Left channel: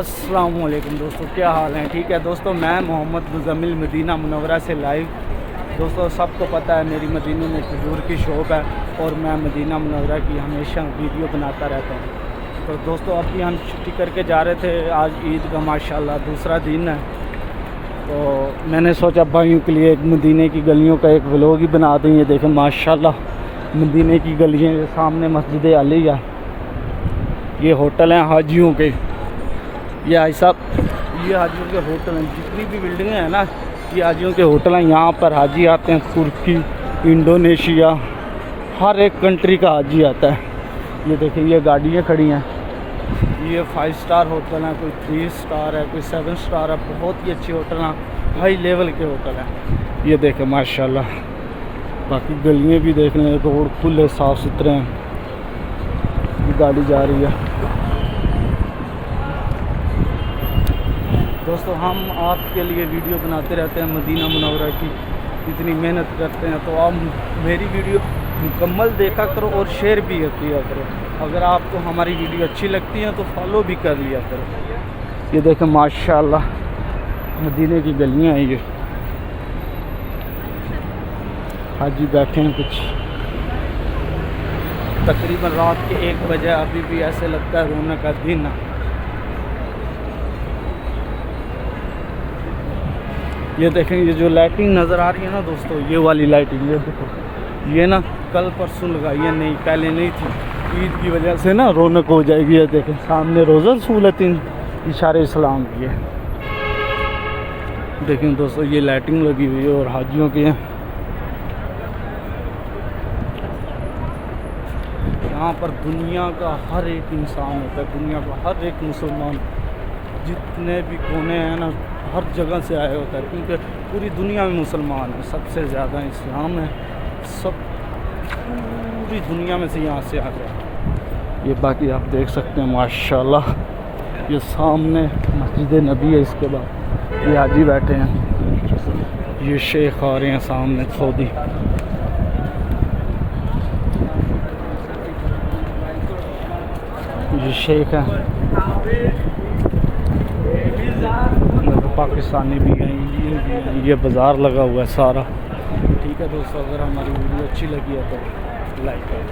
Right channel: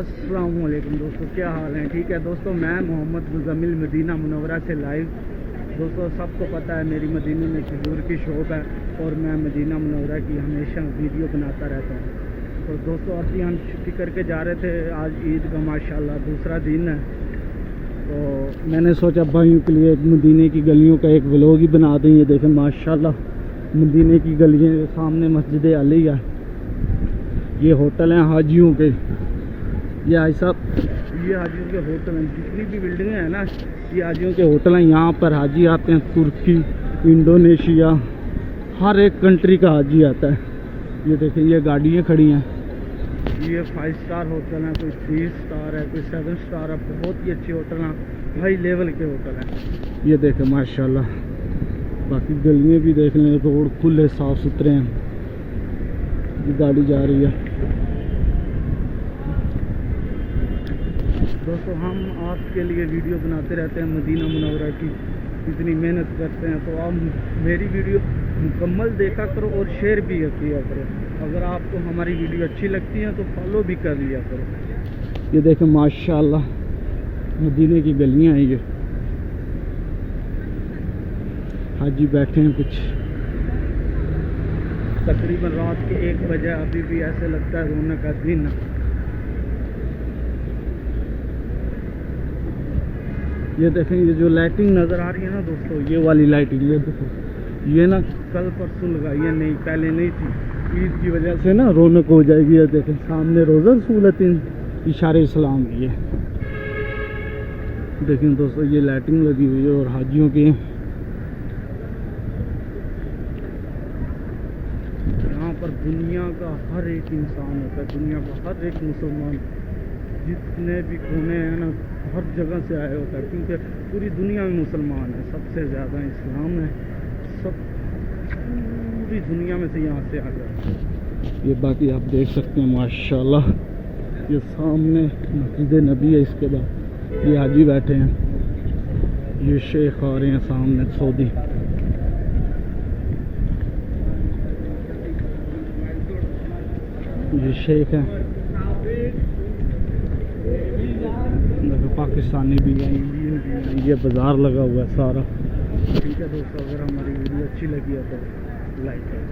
अस्सलाम वालेकुम दोस्तों, क्या हाल है? ठीक है दोस्तों, मैं मोहम्मद मुज़म्मिल मदीना मुनव्वरा से लाइव। दोस्तों सबको पता है मेरी मदीने में खजूर की शॉप है और मैं मदीना मुनव्वरा की हमेशा वीडियो बनाता रहता हूँ। तो दोस्तों अभी हम छुट्टी करके जा रहे थे, आज ईद का माशाल्लाह दूसरा दिन है। तो मैंने सोचा भाइयों के लिए एक मदीने की गलियों का एक व्लॉग ही बना दें। ये देखें माशाल्लाह मदीने की गलियाँ, सामने मस्जिद अली है, ये होटल हैं हाजियों के। ये भाई साहब ये हाजियों के होटल हैं, जितनी भी बिल्डिंगें हैं ना ये हाजियों के होटल हैं। यहाँ पर हाजी आते हैं, तुर्की, इंडोनेशिया, हर एक कंट्री का हाजी आता है। ये देखिए ये गाड़ियाँ खड़ी हैं, ये 5 स्टार होटल हैं, कोई 3 स्टार है, कोई 7 स्टार है। बहुत ही अच्छे होटल हैं, हाई लेवल के होटल हैं। ये देखें माशाल्लाह, बाकी गलियाँ भी देख लें, रोड खुले साफ़ सुथरे हैं। ये गाड़ी जा रही है। दोस्तों हम आपके लिए वीडियो बनाते रहते हैं मदीना मुनव्वरा की, इतनी मेहनत करते हैं। तो आप मेरी वीडियो मुकम्मल देखा करो और शेयर भी किया करो। अगर आपको हमारी वीडियो अच्छी लगती है तो फॉलो भी कर लिया करो। ये देखें माशाल्लाह मदीने की गलियां हैं। ये हाजी बैठे हैं कुछ, तकरीबन रात के 1 बजे, अभी भी ऐसे लगता है रौनक का दिन है। ये देखें ये जो लाइटिंग नज़र आ रही है ना दोस्तों, ये वाली लाइटिंग, ये देखो ये ना कल परसों लगाई है, नहीं पहले नहीं थी। ईद की वजह से ना रौनक हो जाएगी। ये देखें सामने रोज़ा सहूलतिन इशारे इस्लाम की है। देखें दोस्तों ये लाइटिंग लगी हुई है और हाजियों की है। यहाँ पर दुनिया का हर एक इंसान होता है, दुनिया का हर एक मुसलमान, जितने भी कोने हैं ना हर जगह से आए होता है, क्योंकि पूरी दुनिया में मुसलमान है, सबसे ज़्यादा इस्लाम है, सब पूरी दुनिया में से यहाँ से आ गया। ये बाकी आप देख सकते हैं माशाल्लाह, ये सामने मस्जिद नबी है, इसके बाद ये हाजी बैठे हैं, ये शेख आ रहे हैं सामने सऊदी। ये शेख हैं, पाकिस्तानी भी हैं। ये बाज़ार लगा हुआ है सारा। ठीक है दोस्तों, अगर हमारी वीडियो अच्छी लगी है तो लाइक करें।